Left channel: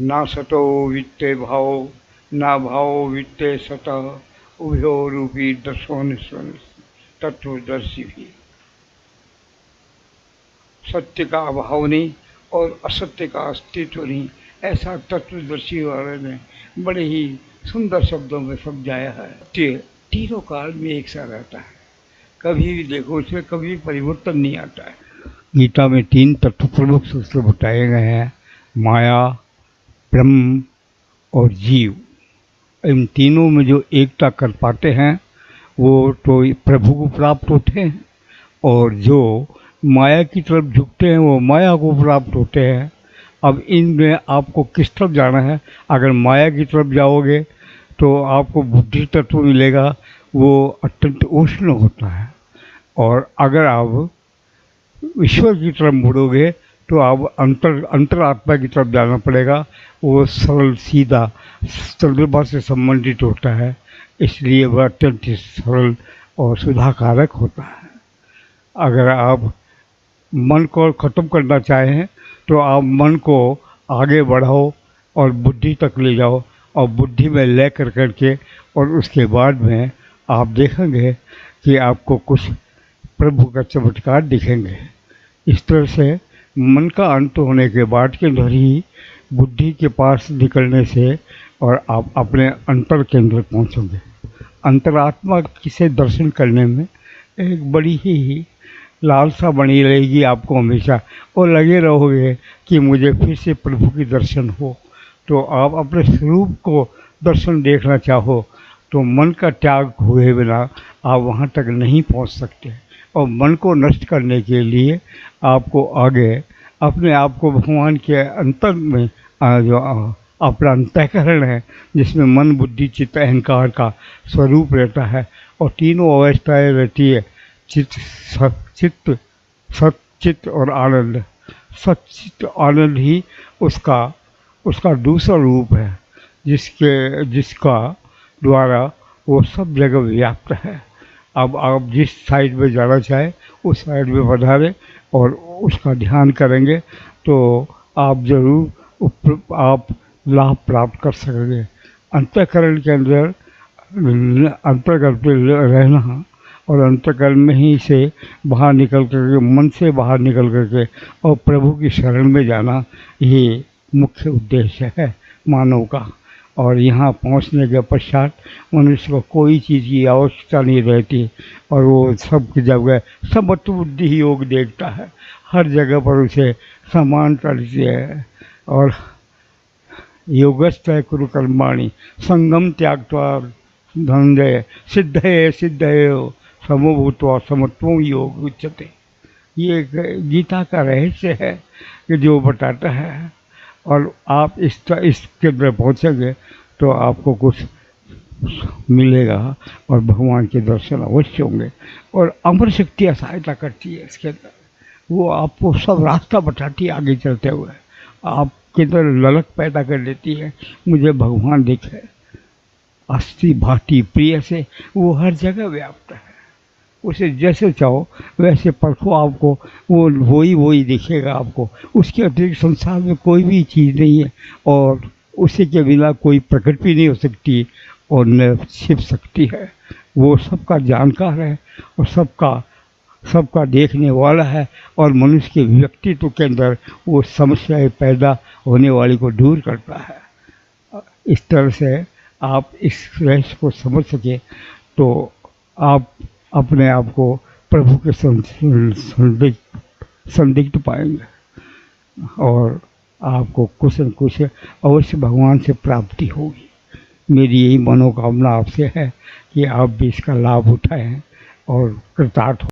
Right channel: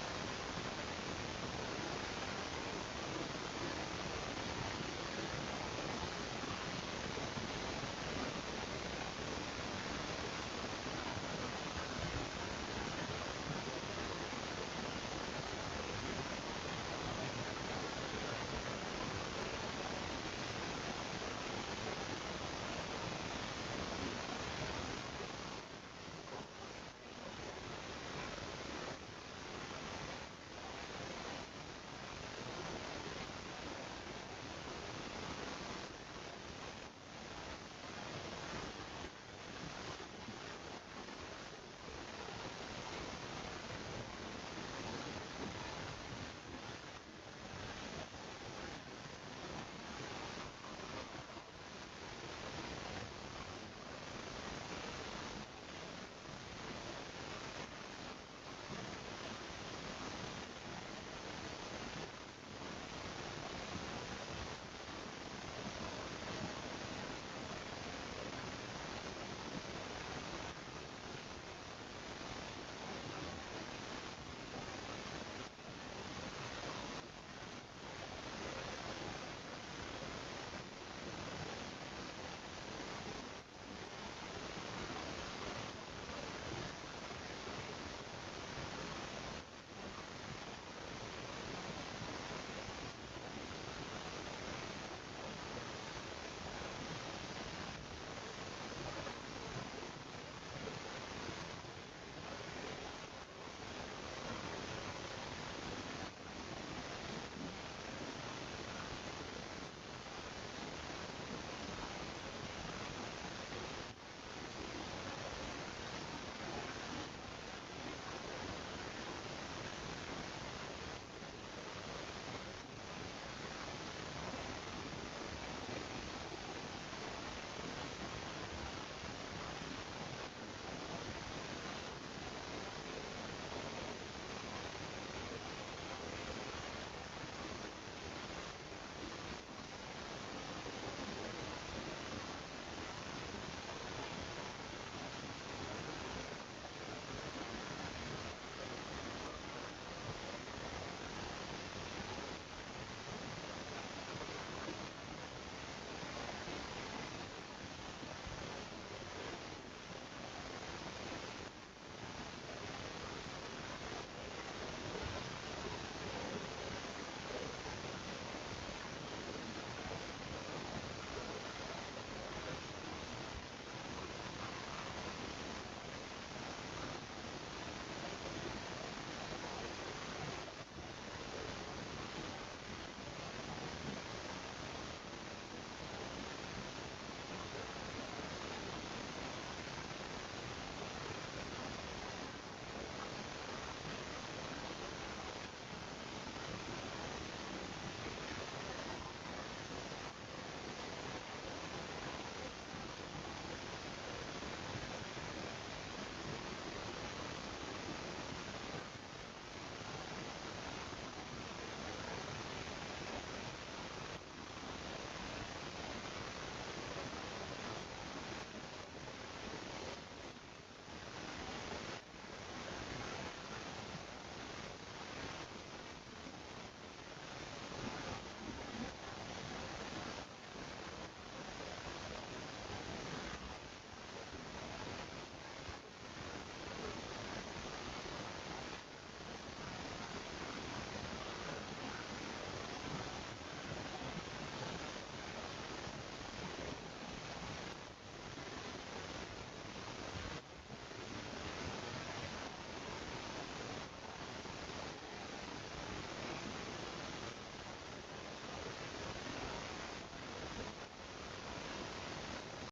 ना सतो वित्ते भाव, ना भाव वित्ते सतः, उभयो रूपी दर्शोनिस्वन तत्वदर्शी भी। सत्य का अभाव नहीं और असत्य का अस्तित्व नहीं, ऐसा तत्वदर्शी वाले ने बड़े ही सुंदर शब्दों में समझाया है। तीनों काल में एक सा रहता है, कभी भी देखो उसमें कभी परिवर्तन नहीं आता है। गीता में 3 तत्व प्रमुख सूत्र बताए गए हैं, माया, ब्रह्म और जीव। इन तीनों में जो एकता कर पाते हैं वो तो प्रभु को प्राप्त होते हैं, और जो माया की तरफ झुकते हैं वो माया को प्राप्त होते हैं। अब इनमें आपको किस तरफ जाना है? अगर माया की तरफ जाओगे तो आपको बुद्धि तत्व मिलेगा, वो अत्यंत उष्ण होता है। और अगर आप ईश्वर की तरफ मुड़ोगे तो आप अंतरात्मा की तरफ जाना पड़ेगा, वो सरल सीधा चंद्रमा से संबंधित होता है, इसलिए वह अत्यंत ही सरल और सुधाकारक होता है। अगर आप मन को ख़त्म करना चाहें तो आप मन को आगे बढ़ाओ और बुद्धि तक ले जाओ, और बुद्धि में ले कर करके, और उसके बाद में आप देखेंगे कि आपको कुछ प्रभु का चमत्कार दिखेंगे। इस तरह से मन का अंत होने के बाद के अंदर ही बुद्धि के पास निकलने से और आप अपने अंतर के अंदर पहुँचोगे। अंतरात्मा से दर्शन करने में एक बड़ी ही लालसा बनी रहेगी आपको हमेशा, और लगे रहोगे कि मुझे फिर से प्रभु की दर्शन हो। तो आप अपने स्वरूप को दर्शन देखना चाहो तो मन का त्याग हुए बिना आप वहाँ तक नहीं पहुँच सकते। और मन को नष्ट करने के लिए आपको आगे अपने आप को भगवान के अंतर में जो अपना अंतःकरण है, जिसमें मन, बुद्धि, चित्त, अहंकार का स्वरूप रहता है, और तीनों अवस्थाएं रहती है, चित्त, चित्त, सच्चित्त और आनंद। सच्चित्त आनंद ही उसका उसका दूसरा रूप है, जिसका द्वारा वो सब जगह व्याप्त है। अब आप जिस साइड में जाना चाहें उस साइड में पधारें और उसका ध्यान करेंगे तो आप ज़रूर आप लाभ प्राप्त कर सकेंगे। अंतःकरण के अंदर अंतर्गत पे रहना और अंतःकरण में ही से बाहर निकल करके, मन से बाहर निकल करके और प्रभु की शरण में जाना, ये मुख्य उद्देश्य है मानव का। और यहाँ पहुँचने के पश्चात मनुष्य को कोई चीज़ की आवश्यकता नहीं रहती, और वो सब की जगह समत्व बुद्धि ही योग देखता है, हर जगह पर उसे समानता दिखती है। और योगस्थ कुरु कर्माणि संगम त्यागत्वा धनंजय सिद्धये सिद्धये समो भूत्वा समत्वं योग उच्यते। ये एक गीता का रहस्य है कि जो बताता है, और आप इसके अंदर पहुँचेंगे तो आपको कुछ मिलेगा और भगवान के दर्शन अवश्य होंगे। और अमर शक्तियाँ सहायता करती है इसके अंदर, वो आपको सब रास्ता बताती है आगे चलते हुए, आपके अंदर ललक पैदा कर देती है, मुझे भगवान दिखे। अस्थि भांति प्रिय से वो हर जगह व्याप्त है, उसे जैसे चाहो वैसे परखो, आपको वो वही दिखेगा आपको। उसके अतिरिक्त संसार में कोई भी चीज़ नहीं है, और उसी के बिना कोई प्रकट भी नहीं हो सकती और न छिप सकती है। वो सबका जानकार है और सबका देखने वाला है, और मनुष्य के व्यक्तित्व के अंदर वो समस्याएं पैदा होने वाली को दूर करता है। इस तरह से आप इस रहस्य को समझ सके तो आप अपने आप को प्रभु के संदिग्ध पाएंगे, और आपको कुछ न कुछ अवश्य भगवान से प्राप्ति होगी। मेरी यही मनोकामना आपसे है कि आप भी इसका लाभ उठाएं और कृतार्थ